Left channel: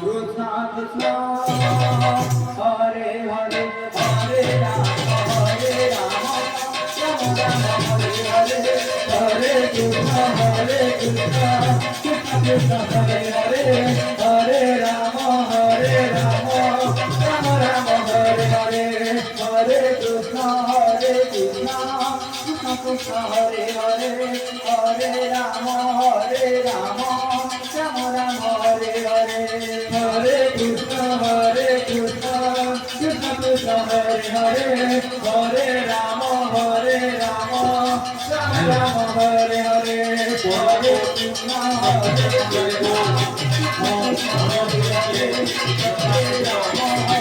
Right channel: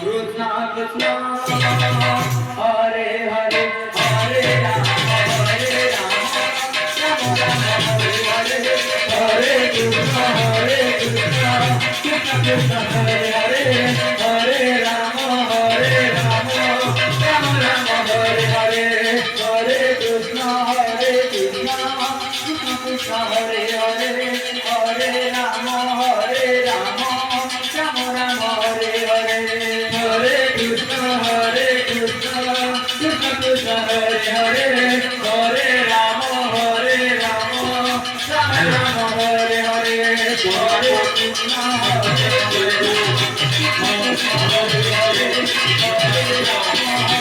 Krishna Krishna Hare Hare Hare Rama Hare Rama Rama Rama Hare Hare Hare Krishna Krishna Krishna Hare Hare Hare Rama Rama Rama Hare Hare Hare Krishna Krishna Krishna Hare Hare Hare Rama Rama Rama Hare Hare Hare Krishna Krishna Krishna Hare Hare Hare Rama Rama Rama Hare Hare Hare Krishna Krishna Hare Hare Hare Rama